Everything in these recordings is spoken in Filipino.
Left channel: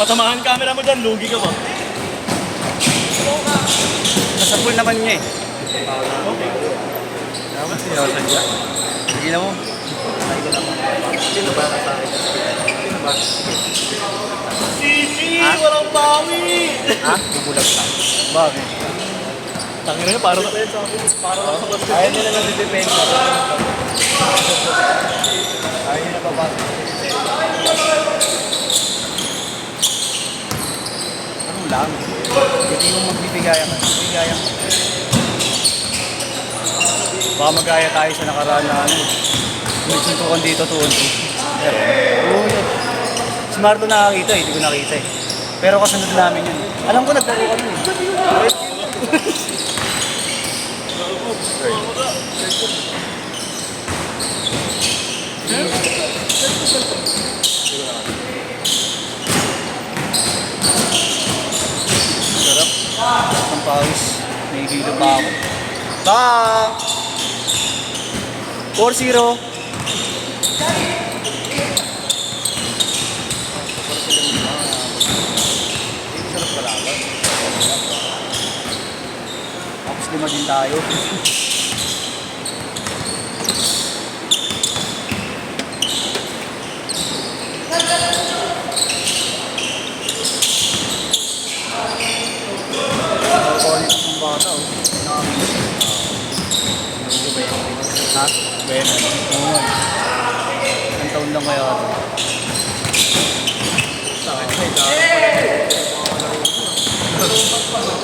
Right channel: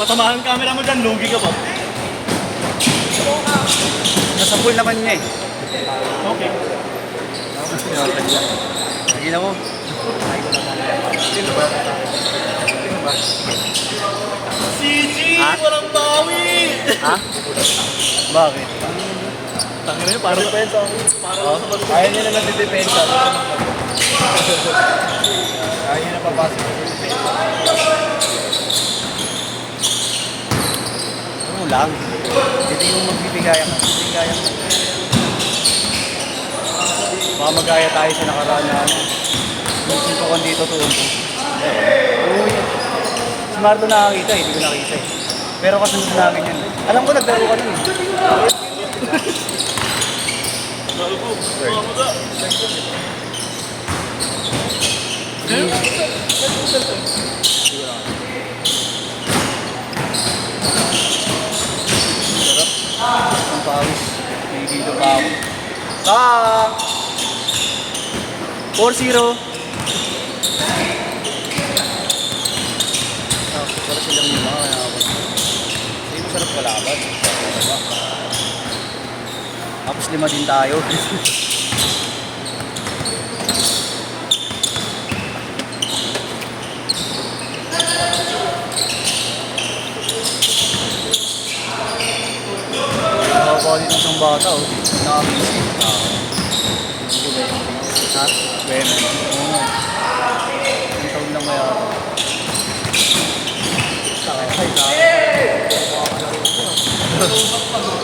Patamahan camera mo dyan, lugi ka ba? Nasa pool naman niya eh. Okay. Sige na mo. Sino ba? Sino ba? Sisi! Walang bawi! Ha? Bakit? Tangin na yun, parang para lang sa basket. Ayaw nila ng depensa. Ayaw nila papasok sa depensa. Ano lang? Hindi mo magbibigaya ka. Magbibigaya ka. Baka magkaya tayo sa nakaraan na ano. Yung suntukan dito tuon ko. Si Marco nakakita eh, hindi ko nakita eh. Pero kasunod namin yan. Alam ko naglaro ka nun. Sarap. Ang pawis. May hilo pa ako. Ta! 4-0. Tapos 5 din tayo. Nakukulit ng bata oh. Nakakabilis. Ha? Bueno. Oo. Ang taon na ngayon.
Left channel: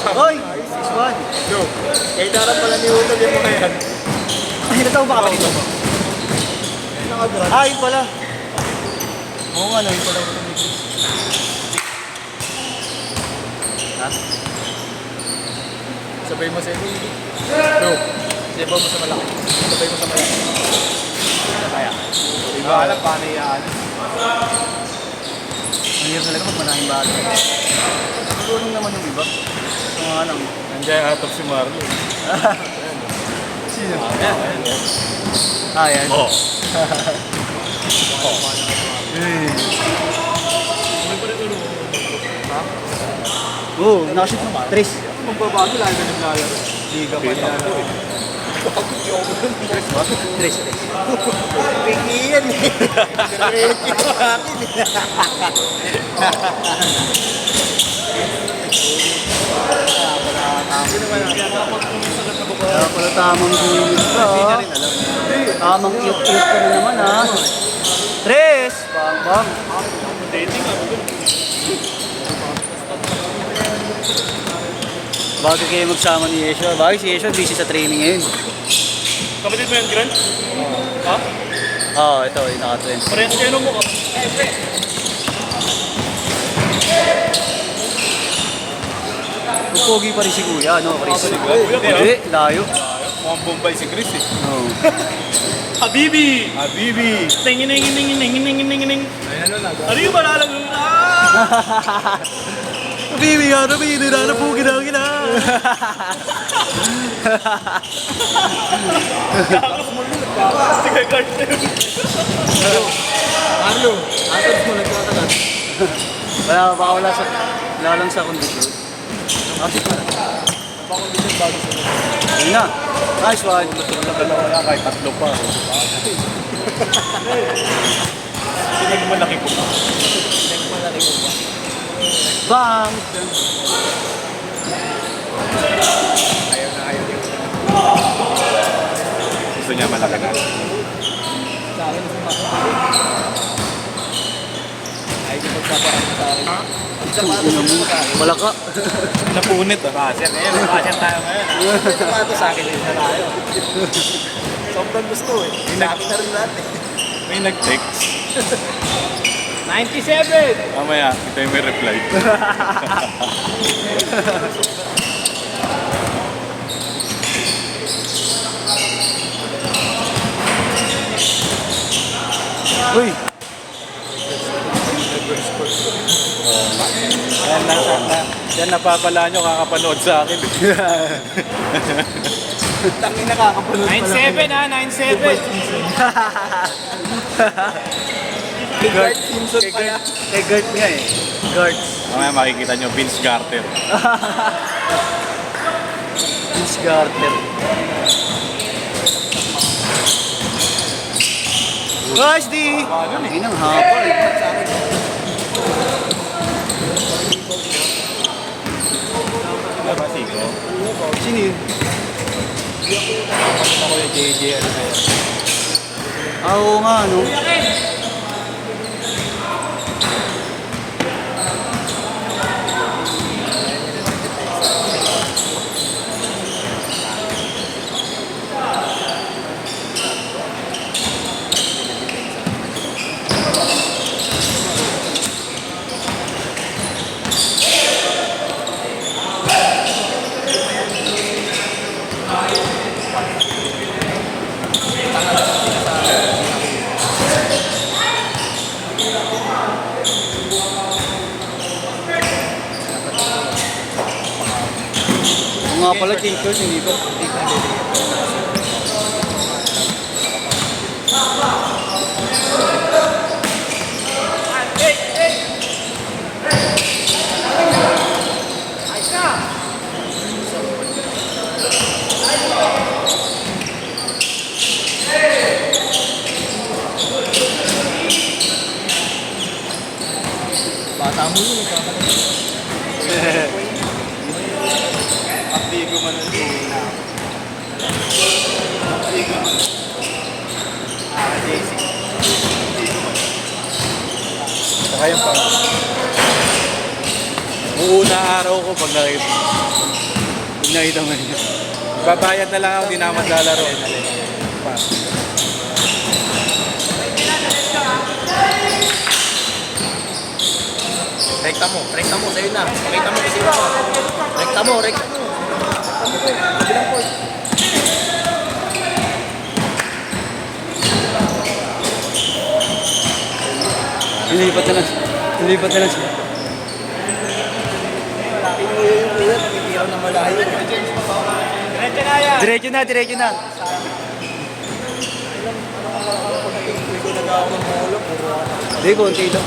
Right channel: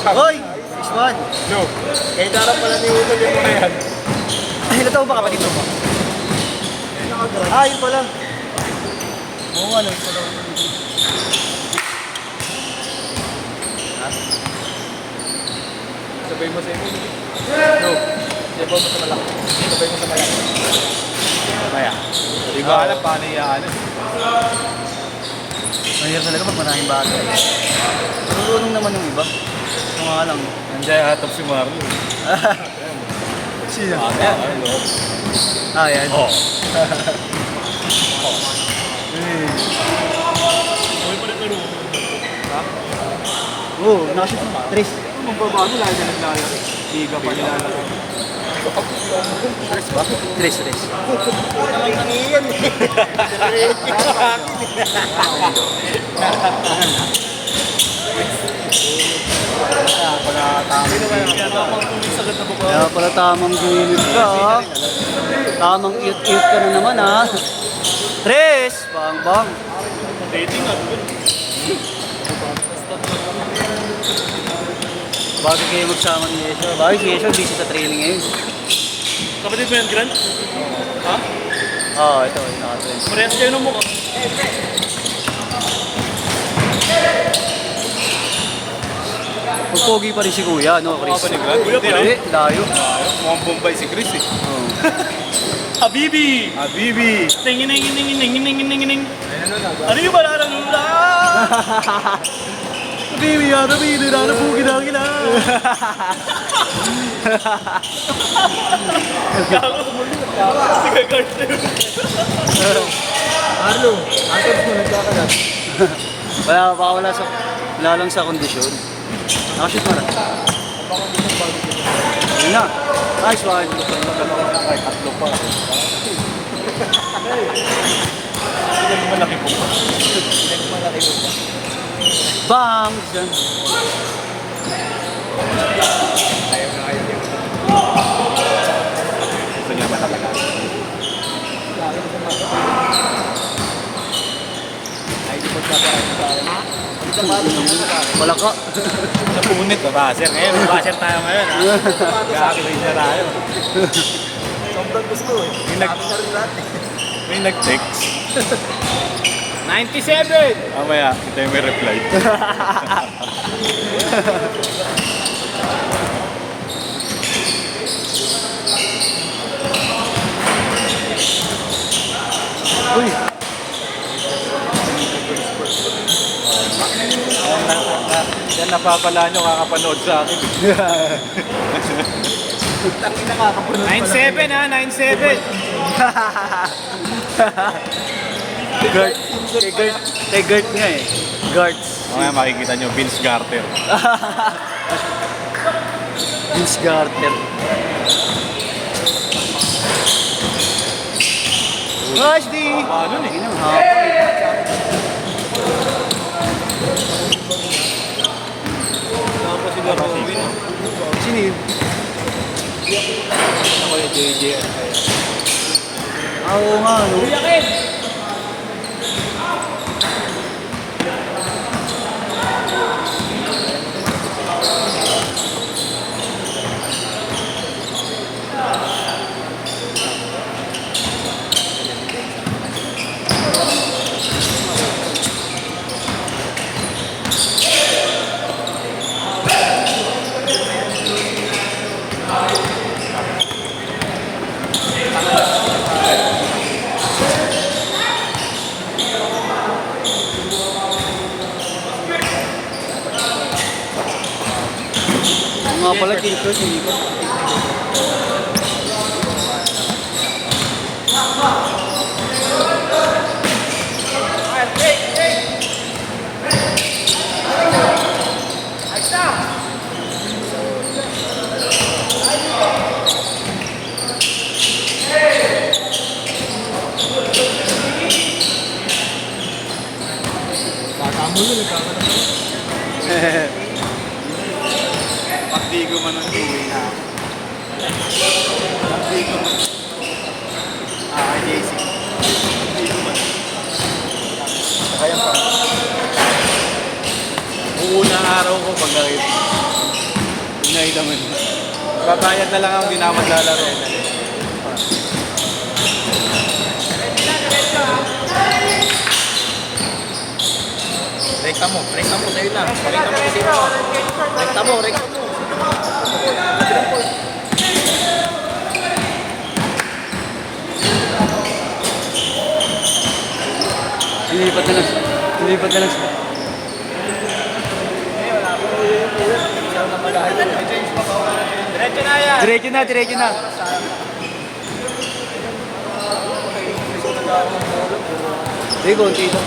Hoy! Iswan! No. Eh, darap pala ni Unog yung mga yan. Hinataw ba kapatid mo? Ah, yun pala. Oo nga, yun pala. Sabay mo sa iyo. No. Sabay mo sa malaki. Sabay mo sa malaki. Sabay ah. Hindi ko alam paano iyaan. Mahirap talaga pag maraming bagay. Siguro naman yung iba. Mga lang. Nandiyan atop si Marlo. Sino? Ayan, ayan. Ah, yan. Oh. Okay pa rin ito. Ha? Oo, nakashoot mo. Tres. Magbabago lalo na naglalaro. Liga pa nilalaro. Tres. Sino ba yung Kaya pala tamang gilid ka, oh. Tamang iyot-iyot ka na naman, ha. Tres! Bang. Dating ah. Bago kayo magsama ni Yesho. Bakit si Yesho busy sa training ngayon? Kapatid mo yan, Grant? Ha? Oo, ito. Yung naka-trend. Parehas kayo ng mukha. Pupogi pa rin si Kuya, no, Chris? Kuya pa Hindi, layo. Mukhang Bombay si Chris eh. Oo. Habibi! Habibi! Tingin. Ano yung malalang hula? Baby, hindi na pugi na kita. Sige, Carter. Marlo, atod mo nagkakalat. Wala lang sa kondisyon. Actually, pa. Ayun na. Nice one. Kahit tatlo pa. Pinagmalaki ko pa. Pinagmalaki mo ba? Bang! Ayaw na ayaw niya. Gusto niya malaki na. Malaka. Napunit ah. Baser ngayon, baser tayo ngayon. Sapato sa akin na tayo. Sobrang gusto eh. Sabi na rin natin. May nag-text. 97! Mamaya, ito yung may reply. Uy! Yan napapala nyo kakapanood sa akin. Tangin na kakapanood 9-7 ha, 9-7. Gert. Simpson Kay pala. Gert. Kay Gert nga eh. Gert. Mamaya makikita nyo, Vince Carter. Vince Carter. Guys, di! Paano eh? Inang hapon eh. Sino yun? Pakita ko yung JJ Rivera. Oo nga, no? Mga pala dito, hindi pa. Bata mo yun, nagkakaroon. Pagdigo man ng uwi na. Pagdigo man. JC. Kaya pa. Una araw ko pag nakita. Pag nakita mo yun. Babayad na lang ako, di na ako maglalaro eh. Rekta mo, sa'yo lang. Pakita mo kasi ako. Rekta mo. Lumipat ka na sila. Diretso na. Hindi, konti ito.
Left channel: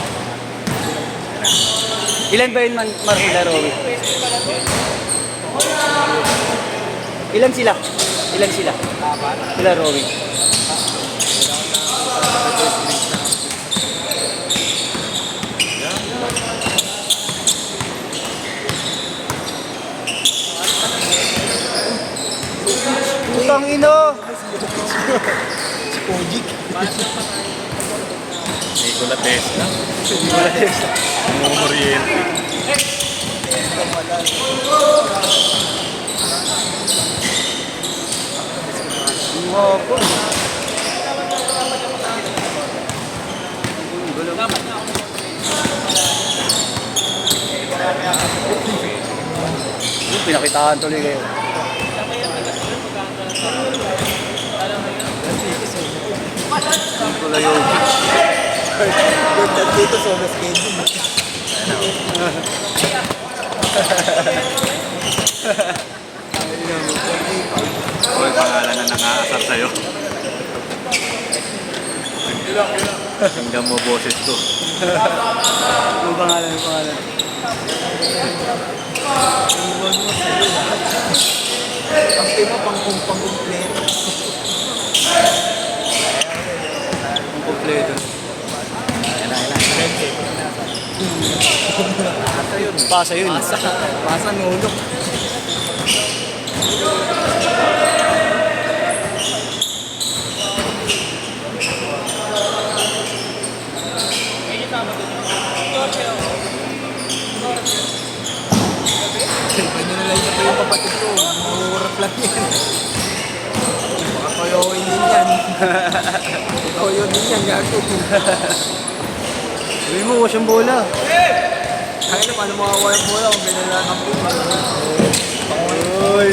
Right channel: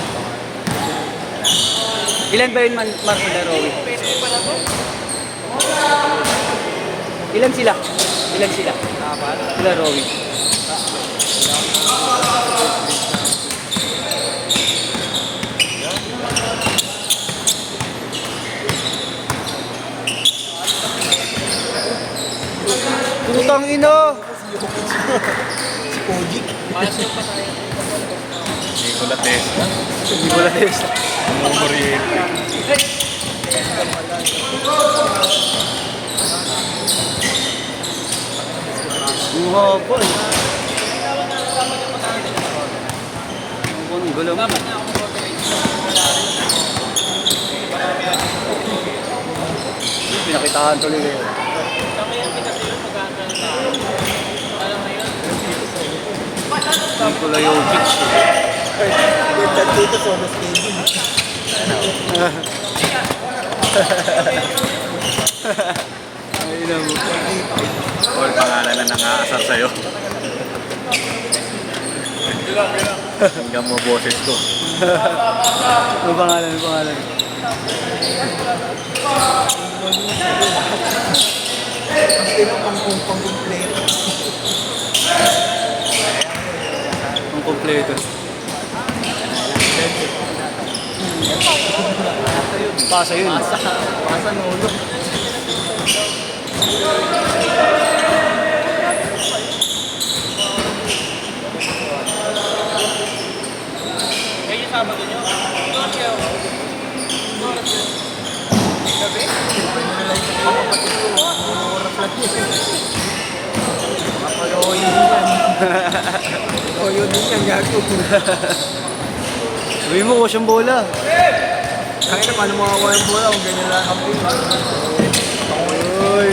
Ilan ba yun, Marcela Rowe? Ilan sila? Sila Rowe. Putang ina! Si Kojic. Nicola Tesla. Wala yun. Moriente. Iwa ko. Ang gulo nga. Pinakitaan tuloy kayo. Nicola Jokic. Good dito, solo schedule. Oy, pangalan na nang-aasar sa'yo. Hanggang mo boses ko. Ang pangalan. Ang tema pang-kumpleto. Ang kompleto. Pasa yun. Asa nulo. Koyo din yan, gago. Sabi mo, siyang bola. Kaya na, paano makakuha yung bola kung ganyan lang ang bola? Oy.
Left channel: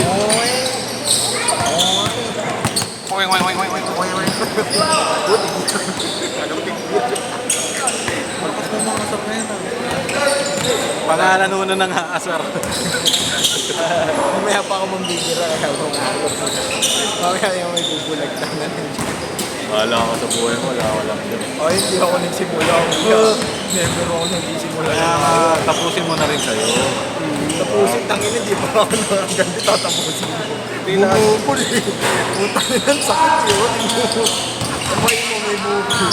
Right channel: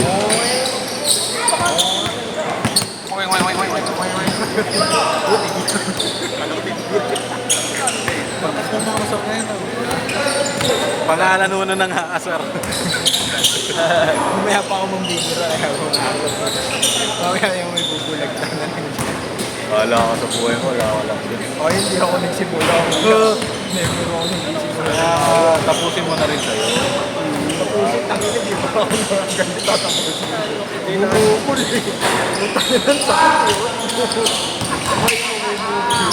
Pangalan mo na nang-aasar. Mamaya pa ako mambibira kaya ako nga ako muna. Mamaya yung may bubulagtan na lang dyan. Wala ka sa buhay mo, wala ka lang din. Ay, hindi ako nagsimula. Never ako nagsimula. Kaya tapusin mo na rin sa'yo. Tapusin, tangin, hindi pa ako ang ganda tatapusin. Hindi na bumubul eh. Utang na lang sakit eh. Ay, may bumubul.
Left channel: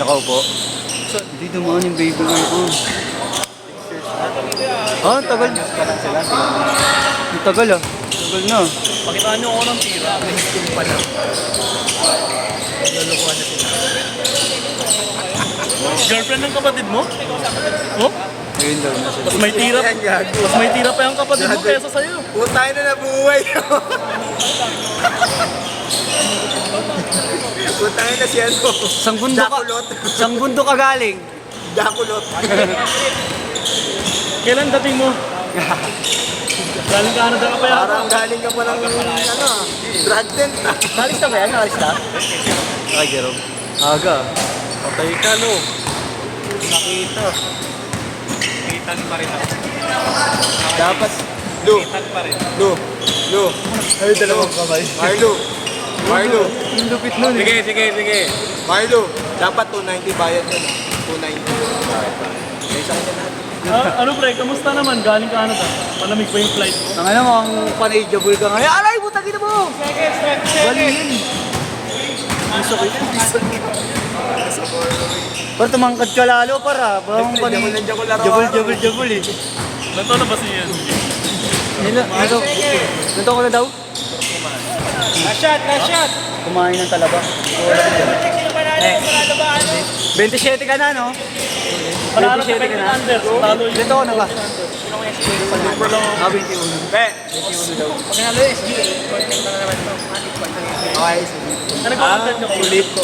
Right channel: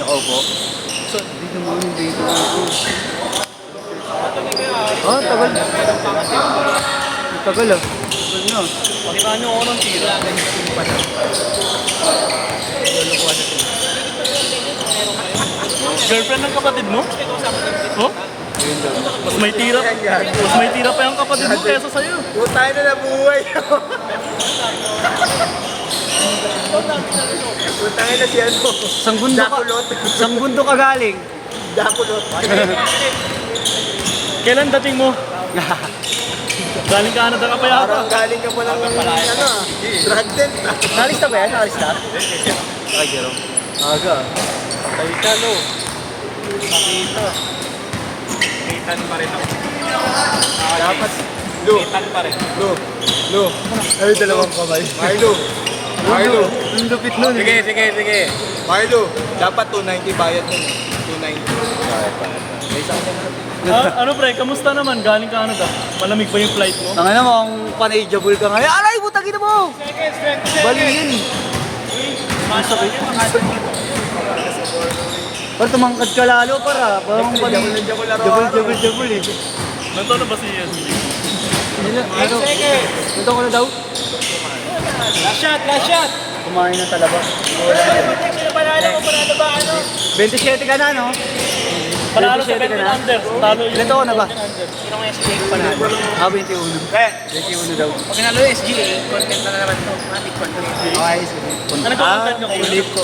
Nakaupo. So, di naman yung baby ko. Ah, tagal. Ang tagal ah. Tagal na. Pakitaan nyo ako ng tira. Girlfriend ng kapatid mo? Oh? Ayun daw. Mas may tira pa yung kapatid mo kaysa sa'yo. Putay na nabuhay. Putay na si ano. Sanggundo ka galing. Dakulot. Kailan dating mo? Galing ka ano daw pa yan? Parang galing ka pa lang ng ano drug den. Nalis na ba yan? Nalis na? Ay, Jerome. Aga. Patay ka no. Nakita. Kita ni Marita. Dapat. Lu. Lu. Ay, dalawang kamay. Marlo. Yung lupit nun eh. Sige. Marlo. Dapat 290 bayad nun. 290. May sa kanya na. Ano pre, kamusta naman? Galing ka ano daw? Malamig ba yung flight mo? Tangin na mo, ang panay-jabul ka ngayon. Aray, butagin na mo! Balihin. Ang sakit. Pero tumangkad ka lalo para. Jabul eh. Nanto na ba si Ian? Ito ko na daw. Last shot! Kumain ng talaba. Sino panalo ko? Panalo ba ano? 27 ka na, no? Panalo sa 27 ka na. under. Talo yun. Ito ko na ba? Sinong SJ? Ah, 21. Pe. 21 daw. Panalo SJ. Content na naman ito. Okay, sige. Ano content nyo? Ulit ko.